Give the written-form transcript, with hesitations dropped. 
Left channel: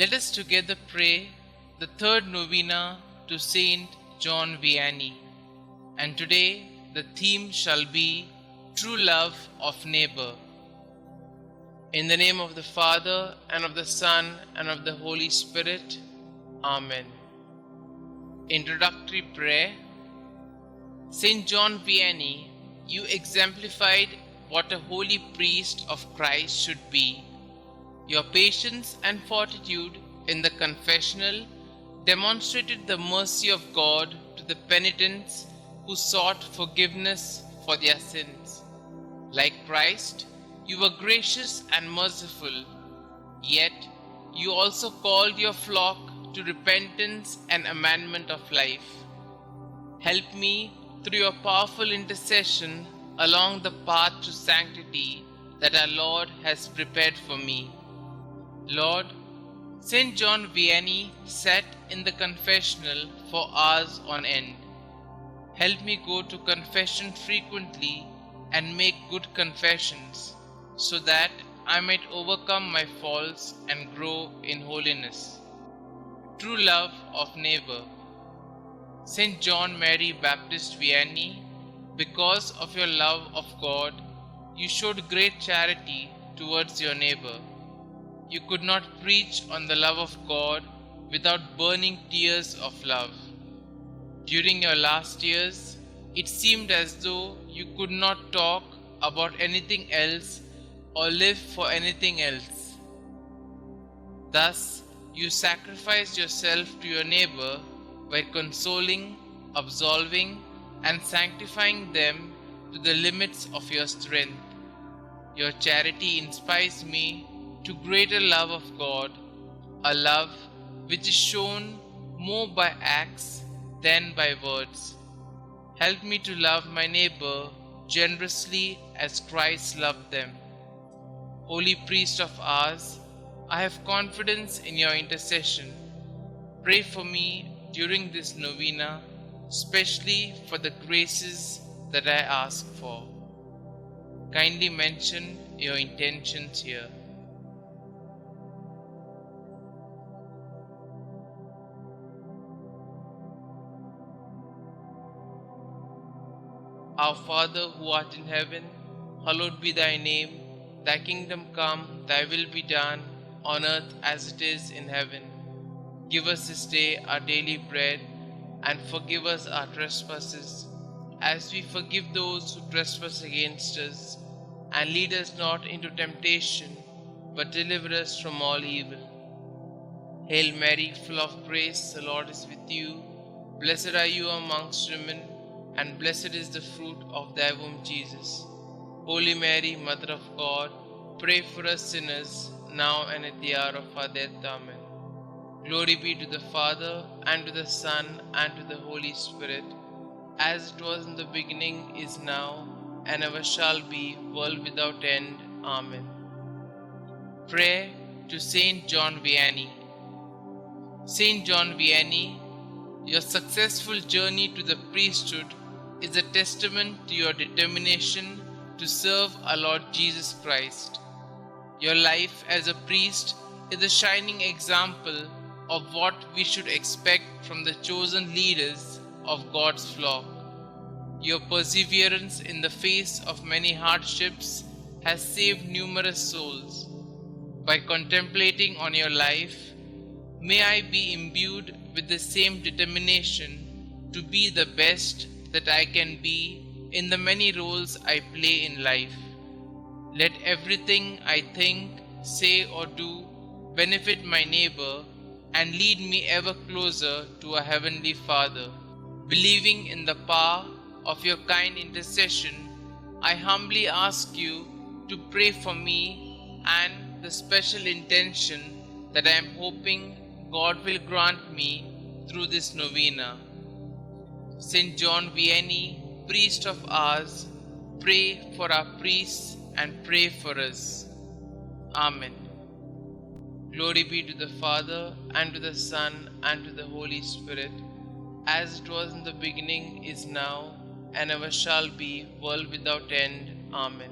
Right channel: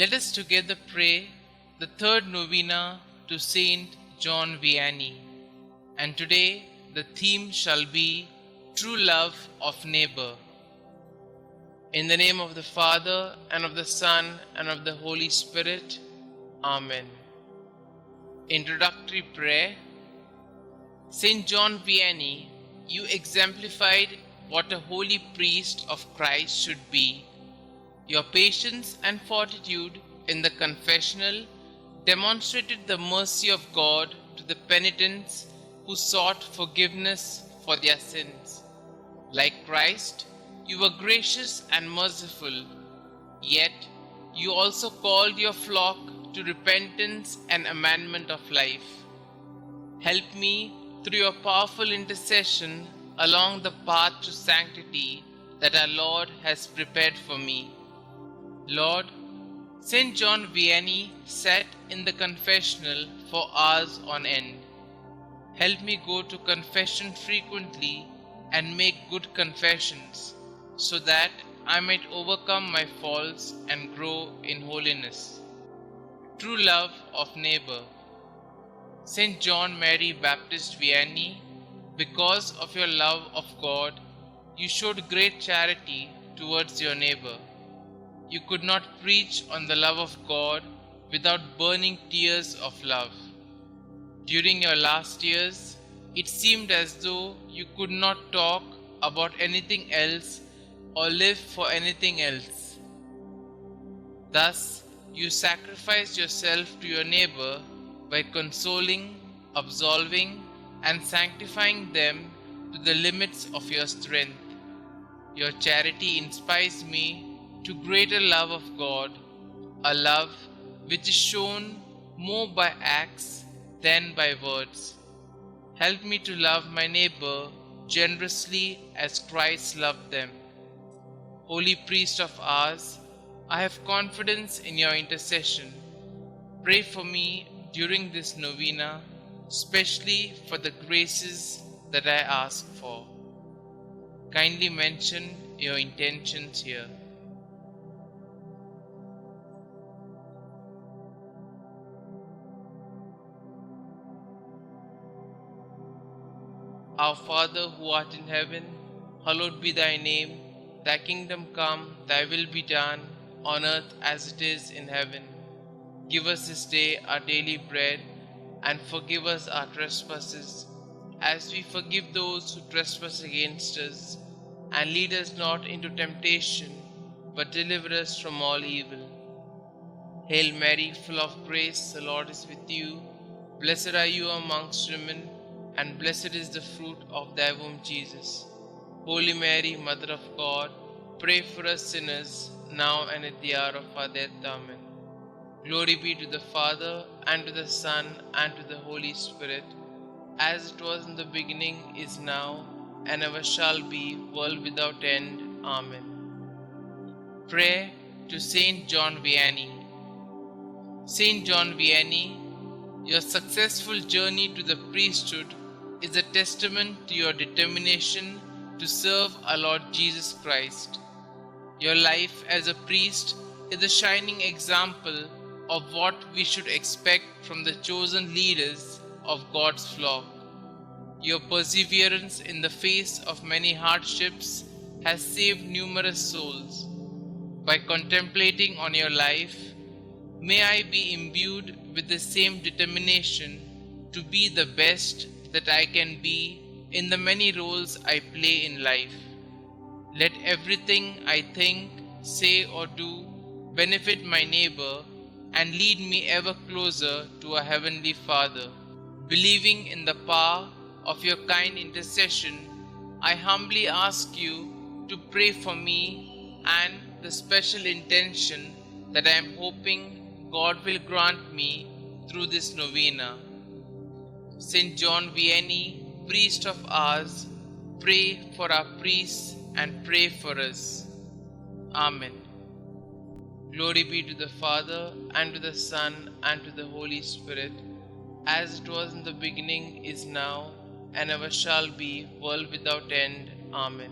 Let us together pray the third novena to St John Vianney. And today the theme shall be True Love of Neighbor. In the name of the Father, and of the Son, and of the Holy Spirit. Amen. Introductory prayer. St John Vianney, you exemplified what a holy priest of Christ should be. Your patience and fortitude in the confessional demonstrated the mercy of God to the penitents who sought forgiveness for their sins. Like Christ, you were gracious and merciful, yet you also called your flock to repentance and amendment of life. Help me through your powerful intercession along the path to sanctity that our Lord has prepared for me. Lord, St. John Vianney sat in the confessional for hours on end. Help me go to confession frequently and make good confessions, so that I might overcome my faults and grow in holiness. True love of neighbor. St. John Mary Vianney, because of your love of God, you showed great charity towards your neighbor. You could not preach on the love of God without burning tears of love. During your last years, it seemed as though you could not talk about anything else or live for anything else. Thus, you sacrificed yourself to your neighbor by consoling, absolving, and sanctifying them to the limits of your strength. Your charity inspires me to greater love of God, a love which is shown more by acts than by words. Help me to love my neighbor generously as Christ loved them. Holy priest of ours, I have confidence in your intercession. Pray for me during this novena, especially for the graces that I ask for. Kindly mention your intentions here. Our Father who art in heaven, hallowed be thy name. Thy kingdom come, thy will be done, on earth as it is in heaven. Give us this day our daily bread, and forgive us our trespasses, as we forgive those who trespass against us. And lead us not into temptation, but deliver us from all evil. Hail Mary, full of grace, the Lord is with you. Blessed are you amongst women, and blessed is the fruit of thy womb, Jesus. Holy Mary, Mother of God, pray for us sinners, now and at the hour of our death. Amen. Glory be to the Father, and to the Son, and to the Holy Spirit, as it was in the beginning, is now, and ever shall be, world without end. Amen. Prayer to St. John Vianney. St. John Vianney, your successful journey to the priesthood is a testament to your determination to serve our Lord Jesus Christ. Your life as a priest is a shining example of what we should expect from the chosen leaders of God's flock. Your perseverance in the face of many hardships has saved numerous souls. By contemplating on your life, may I be imbued with the same determination to be the best that I can be in the many roles I play in life. Let everything I think, say, or do benefit my neighbor and lead me ever closer to our Heavenly Father. Believing in the power of your kind intercession, I humbly ask you to pray for me and the special intention that I am hoping God will grant me through this novena. St. John Vianney, priest of ours, pray for our priests and pray for us. Amen. Glory be to the Father, and to the Son, and to the Holy Spirit, as it was in the beginning, is now, and ever shall be, world without end. Amen.